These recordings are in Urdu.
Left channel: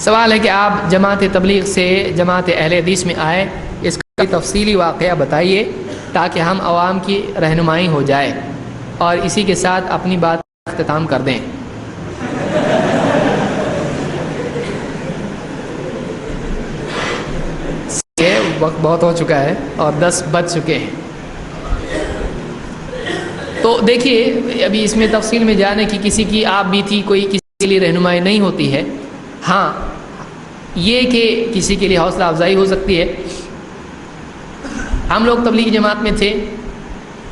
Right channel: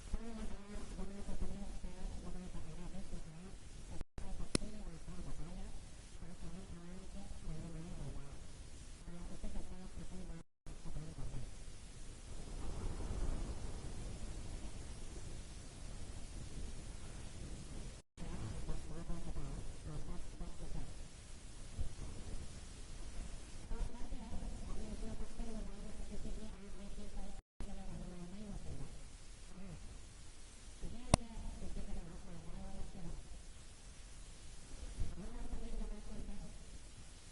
سوال ہے کہ آپ جماعت تبلیغ سے جماعت اہل حدیث میں آئے، اس کا تفصیلی واقعہ بتائیے تاکہ ہم عوام کی رہنمائی ہو جائے، اور اسی کے ساتھ اپنی بات کا اختتام کر دیں۔ وقت بہت ہو چکا ہے اور 10 بج چکے ہیں، تو دیکھیے ابھی اس میں تفصیل میں جانے کی کسی کی آپ بھی تھی، کوئی کسی کے لیے رہنمائی نہیں ہوتی ہے۔ ہاں یہ کہ کسی کے لیے حوصلہ افزائی ہو سکتی ہے۔ ہم لوگ تبلیغی جماعت میں تھے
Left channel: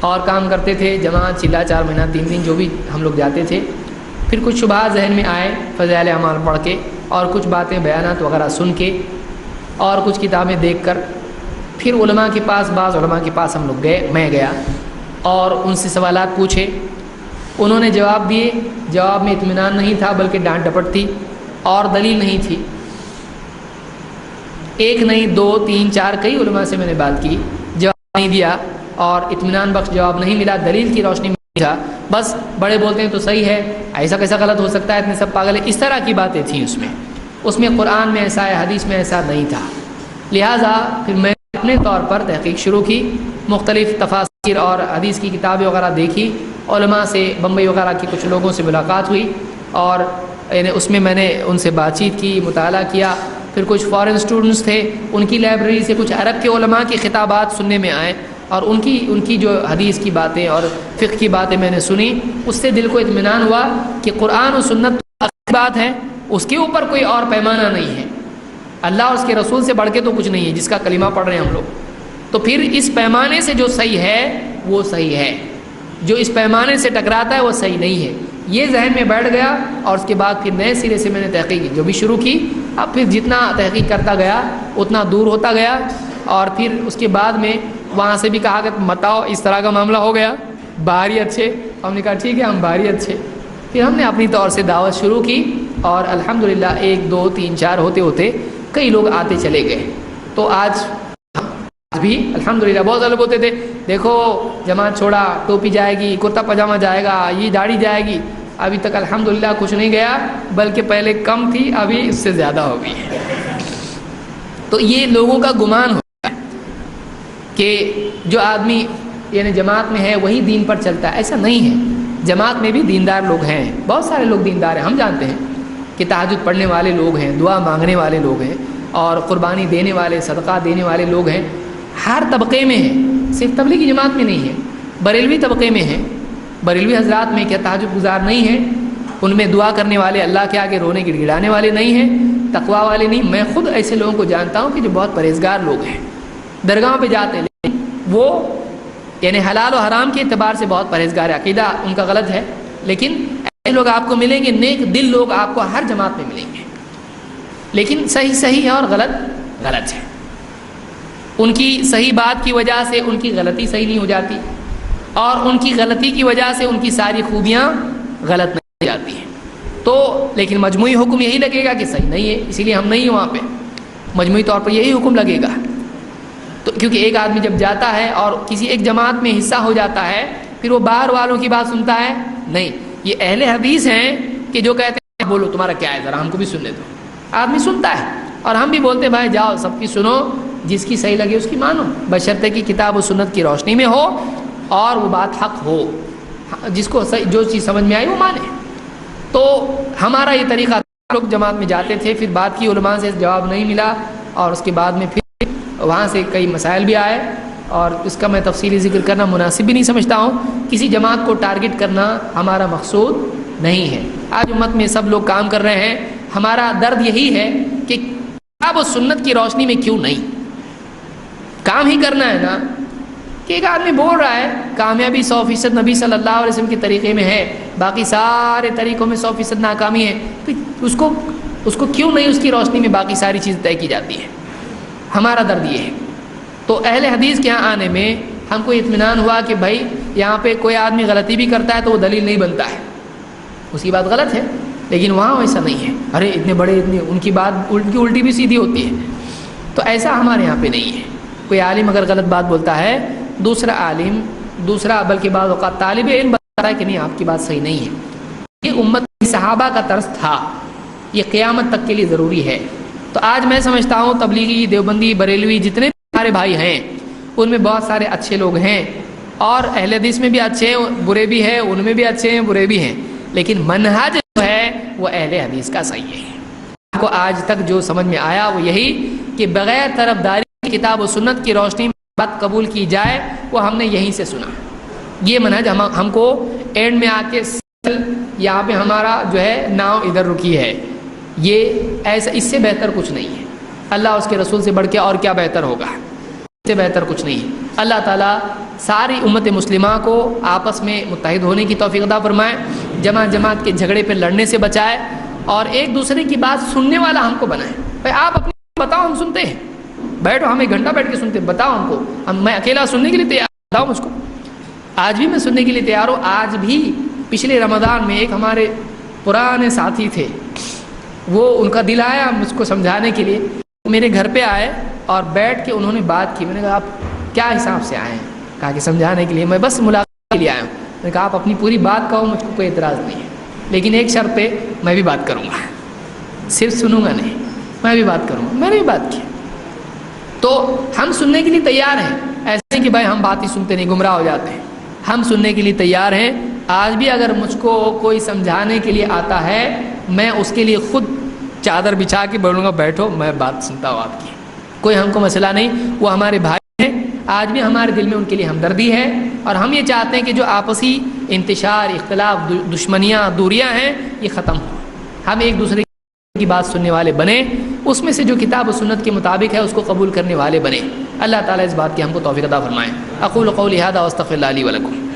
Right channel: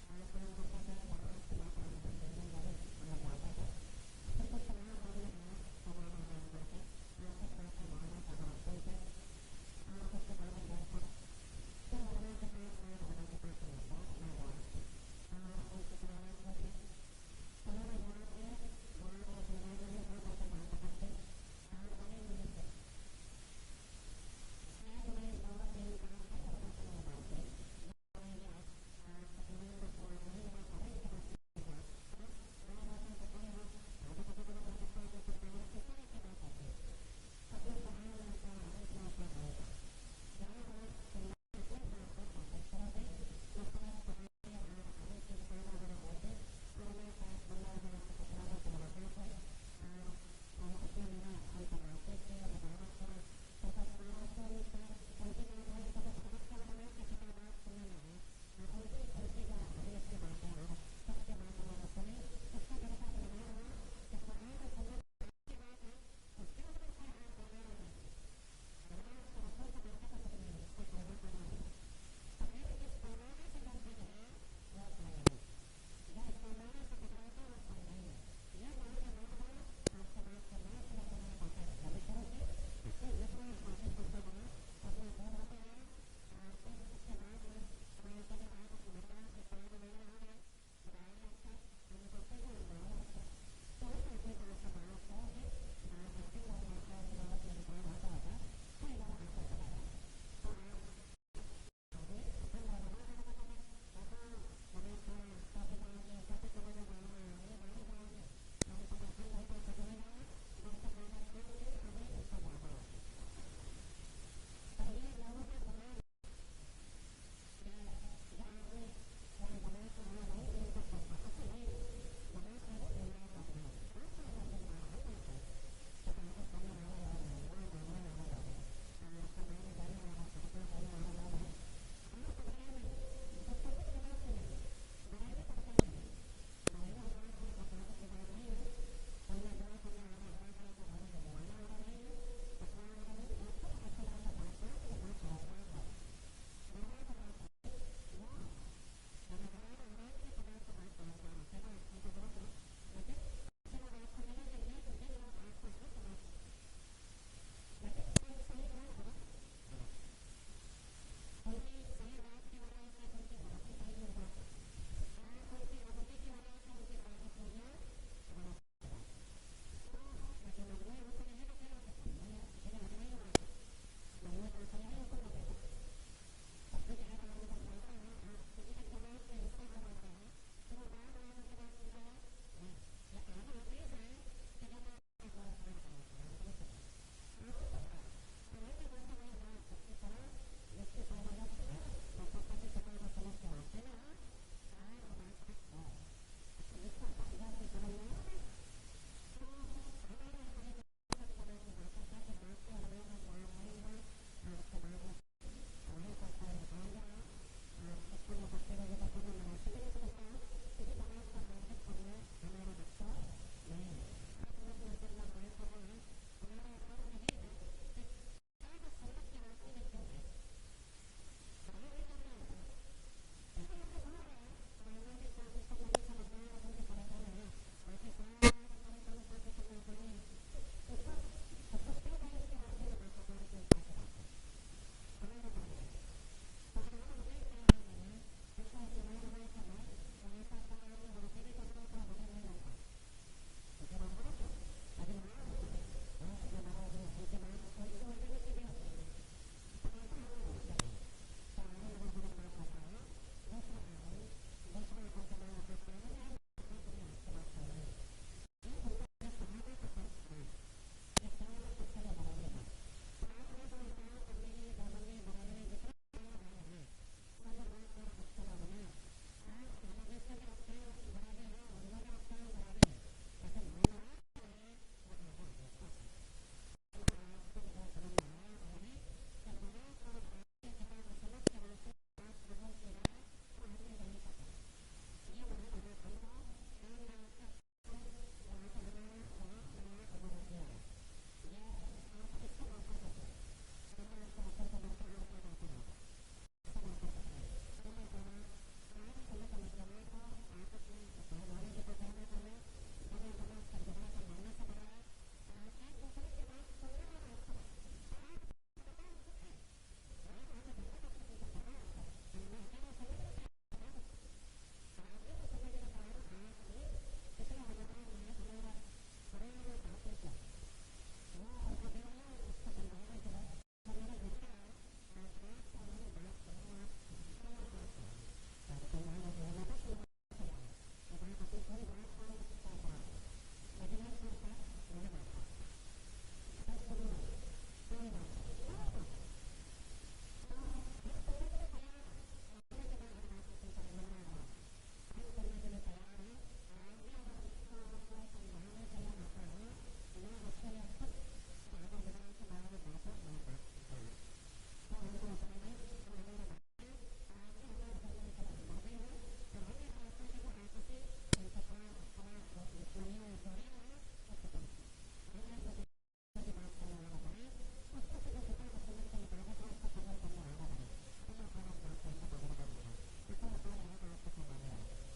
اور کام کرتے تھے، جماعت چلا 4 مہینہ 3 دن جو بھی ہم لوگ جاتے تھے، پھر کچھ شبہات ذہن میں آئے فضائل اعمال پڑھ کے، اور کچھ باتیں بیانات وغیرہ سن کے، اور کچھ کتابیں دیکھ کر، پھر علماء کے پاس، بعض علماء کے پاس ہم لوگ گئے، میں گیا اور ان سے سوالات پوچھے۔ انہوں نے جواب دیے، جواب میں اطمینان نہیں تھا بلکہ ڈانٹ ڈپٹ تھی اور دلیل نہیں تھی۔ ایک نہیں 2 3 4 کئی علماء سے میں نے بات کی، جواب نہیں دیا اور اطمینان بخش جواب نہیں ملا، دلیل کی روشنی میں تھا۔ بس بڑے بولتے ہیں تو صحیح ہے، ایسا کیسا غلط ہو سکتا ہے، اتنے سب پاگل ہیں، اس طرح کی باتیں تھیں اس میں قرآن میں ایسا ہے، حدیث میں ایسا نہیں تھا۔ لہٰذا پھر میں اپنے طور پر تحقیق شروع کی، مختلف تفاسیر اور حدیث کی کتابیں وغیرہ دیکھی، علماء سے بمبئی وغیرہ کے کچھ لوگوں سے ملاقات ہوئی، اور اس میں نے ان سے بات چیت کی، مطالعہ کیا۔ پھر کچھ فارن اسٹوڈنٹس تھے، ان کی لائبریری سے کچھ عرب کے علماء کی خطابات سننے میں آئے، اور ان کی جو حدیث کی باتیں اور فقہ کی باتیں میں نے سنی، اس سے دل کو اطمینان ہوا کہ قرآن و سنت تو بات ہے، اس کے اوپر کوئی اور پیمانہ نہیں ہے، اللہ اور اس کے رسول سے بڑھ کے تو کچھ نہیں ہے جس کا کلمہ پڑھ رہے ہیں ہم لوگ۔ تو پھر اس پیمانے سے جو صحیح ہے وہ صحیح ہے، جو اس پیمانے سے ٹکراتا ہے وہ صحیح نہیں ہے، یہ ذہن میں بیٹھ گیا۔ اور اس کے بعد پھر نئے سرے سے میں نے تحقیق جو بھی شروع کی، اب پھر جتنا تحقیق کرتا گیا اتنا دور ہوتا گیا، اور پھر اس کے بعد میں وہاں سے بھی کہا کہ بتاؤ اس طرح کا معاملہ ہو گیا، باہری اچھے، ہم نے کہا ٹھیک ہے ہم باہری اچھے۔ پھر ہم نے اپنی طور سے دعوت شروع کی، اور الحمدللہ 1 2 3 4 ہوتے ہوتے کئی لوگ آتے چلے گئے۔ تو آج بھی الحمدللہ بہت سارے لوگ ہوتے تھے، دیکھو جماعت چھوڑا، ٹوپی جائے گی، کرتا پاجامہ جائے گا، یہ داڑھی جائے گی، ابھی تک الحمدللہ کچھ نہیں گیا، بلکہ پہلے کم تھی ابھی اس سے زیادہ ہو گئی ہے۔ تو یہ لوگوں کا گمان ہوتا ہے کہ جو آدمی یعنی جماعت میں ہے وہی دین پر چلتا ہے، ایسا نہیں ہے۔ جماعت میں بھی دیندار لوگ ہیں، بہت سارے لوگ دیندار ہیں، ہم جانتے ہیں کہ تہجد پڑھنے والے لوگ ہیں، دعا مانگنے والے لوگ ہیں، اور قربانی دینے والے، صدقہ دینے والے لوگ ہیں، ہر طبقے میں ہیں، صرف تبلیغی جماعت میں نہیں ہے، بریلوی طبقے میں ہیں، بریلوی حضرات میں کیا تہجد گزار نہیں ہیں؟ ان میں دعا کرنے والے، اللہ کے آگے رونے گڑ گڑانے والے نہیں ہیں، تقوی والے نہیں؟ میں خود ایسے لوگوں کو جانتا ہوں کہ جو بہت پرہیزگار لوگ ہیں، درگاہوں پہ جاتے ہیں لیکن وہ یعنی حلال و حرام کے اعتبار سے بہت پرہیزگار ہے، عقیدہ ان کا غلط ہے، لیکن ایسے لوگ آپ کو ملیں گے، نیک دل لوگ آپ کو ہر جماعت میں ملیں گے، لیکن صحیح صحیح ہے اور غلط غلط ہے۔ ان کی صحیح بات کی وجہ سے ان کی غلطی صحیح نہیں ہو جاتی، اور ان کی غلطی کی وجہ سے ان کی ساری خوبیاں غلط نہیں ہو جاتی ہیں۔ تو لیکن مجموعی حکم یہی لگے گا کہ صحیح نہیں ہے، اسی لیے ہم نہیں ہیں وہاں پہ، مجموعی طور پر یہی حکم لگے گا۔ تو کیونکہ ایک آدمی جب جاتا ہے اور کسی ایک جماعت میں حصہ ہو جاتا ہے، پھر وہ باہر والوں کی بات سنتا ہے نہیں۔ یہ اہل حدیث ہیں کہ جو کہتے ہیں بولو تمہارا کیا ہے، ذرا ہم کو بھی سننے دو، آدمی سنتا ہے، اور ہم بھی بولتے ہیں بھائی جاؤ سب کی سنو، جس کی صحیح لگے اس کی مانو، بشرطے کی کتاب و سنت کی روشنی میں ہو اور وہ بات حق ہو، جس کو جو چیز سمجھ میں آئی وہ مانے۔ تو ہمارا یہ طریقہ، لوگ جماعت میں جاتے تھے، پھر بات کی علماء سے جواب نہیں ملا، اور اس کے بعد میں پھر وہاں سے کئی مسائل بھی آئے، اور اس کا میں تفصیلی ذکر کرنا مناسب بھی نہیں سمجھتا ہوں۔ کسی جماعت کو ٹارگٹ کرنا ہمارا مقصود نہیں ہے۔ آج امت میں سب لوگ کام کر رہے ہیں، ہمارا درد یہی ہے کہ کتاب و سنت کی روشنی میں کیوں نہیں کام ہی کرنا ہے نا، کہ ایک آدمی بول رہا ہے کامیابی 100% نبی صلی اللہ علیہ وسلم کے طریقے میں ہے، باقی سارے طریقوں میں 100% ناکامی ہے، اس کو کیوں نہیں اس کی روشنی میں باقی ساری چیزیں طے کی جاتی ہے؟ ہمارا درد یہ ہے۔ تو اہل حدیث کے یہاں آنے میں ہم کو اطمینان ہوا کہ بھائی یہاں پہ کوئی آدمی غلطی بھی کرتا ہے تو وہ دلیل نہیں بنتا ہے، اس کی بات غلط ہے، لیکن وہاں ویسا نہیں ہے، ارے اتنے بڑے ان کی بات الٹی بھی سیدھی ہوتی ہے۔ تو ایسا ہمارے یہاں پہ نہیں ہے۔ کوئی عالم اگر غلط بات بولتا ہے، دوسرا بلکہ بعض اوقات طالب علم بتاتا ہے کہ نہیں آپ کی بات صحیح نہیں ہے۔ یہ امت صحابہ کا طرز تھا، یہ قیامت تک کے لیے ضروری ہے۔ تو آج میں سمجھتا ہوں تبلیغی، دیوبندی، بریلوی جتنے بھی ہمارے بھائی ہیں ان میں بہت سارے اچھے لوگ ہیں، اور اہل حدیث میں بھی اچھے ہیں، برے بھی ہیں، ان میں بھی اچھے ہیں، برے بھی ہیں، لیکن منہج جو ہے وہ اہل حدیث کا صحیح ہے۔ آپ کو آج تک جو سمجھ میں آیا وہ یہی کہ بغیر طرفداری کی کتاب و سنت کی روشنی میں بات قبول کی جائے، وہ ہم نے یہیں سے سنا۔ یہ منہج ہم کو اینڈ میں آ کے یہاں پہ ہمارا جو ہے ناؤ ادھر رکی ہے، یہ ایسا، اس سے بہتر کچھ نہیں ہے۔ اللہ اس کے رسول سے بڑھ کے اور کیا بہتر ہوگا، اس سے بہتر کچھ نہیں ہے۔ اللہ تعالیٰ ساری امت مسلمہ کو آپس میں متحد ہونے کی توفیق عطا فرمائے، جماعت کے جھگڑے پہ لڑنے سے بچائے، اور ایک دوسرے کی بات سننے والا ہم کو بنائے۔ بھائی آپ اپنی بتاؤ، ہم سنتے ہیں، بیٹھو، ہم ایک گھنٹہ بیٹھ کے سنتے ہیں، بتاؤ ہم کو، میں اکیلا سننے کے لیے تیار، بتاؤ مجھ کو۔ آج بھی میں سننے کے لیے تیار ہوں۔ آج بھی پچھلے رمضان میں ایک ہمارے پرانے ساتھی تھے، وہ ان کا دل آیا مجھ کو سمجھانے کے لیے، میرے گھر پہ آئے اور بیٹھ کے انہوں نے بات کی۔ میں نے کہا آپ کیا حساب سے آئے ہیں؟ کہا کہ سمجھانے کے لیے، میں بس ملاقات کے لیے آیا ہوں۔ میں نے کہا آپ اپنی پوری بات کہو، مجھ کو کوئی اعتراض نہیں ہے، لیکن ایک شرط پہ میں بھی بات کروں گا، صرف سنوں گا نہیں، میں بھی بات کروں گا۔ میں نے بھی بات کی۔ تو ہم سننے کے لیے تیار ہیں، ایسے نہیں کہ بھائی ہم بات ہی سنتے نہیں، گمراہ ہو جاتے ہیں۔ ہم سننے کے لیے تیار ہیں۔ آج بھی اگر مجھ کو کوئی سمجھانے کے لیے آتا ہے، میں اس کے لیے خود چادر بچھا کے بولوں گا بیٹھو، میں بات سنتا ہوں آپ کی، کوئی ہم کو مسئلہ نہیں۔ وہ ہمارے بھائی ہیں، آج بھی ہمارے دل میں ان کے لیے ہمدردی ہے، اور ہم یہ چاہتے ہیں کہ جو آپسی انتشار، اختلاف، دشمنیاں، دوریاں ہیں، یہ ختم ہو، ہم ایک دوسرے کی بات سننے والے بنیں، اس میں سے جو کتاب و سنت کے مطابق ہے اس کو قبول کرنے والے بنیں۔ اللہ تعالیٰ اس بات کی ہم کو توفیق عطا فرمائے۔ اقول قولی ھذا واستغفر اللہ لی ولکم۔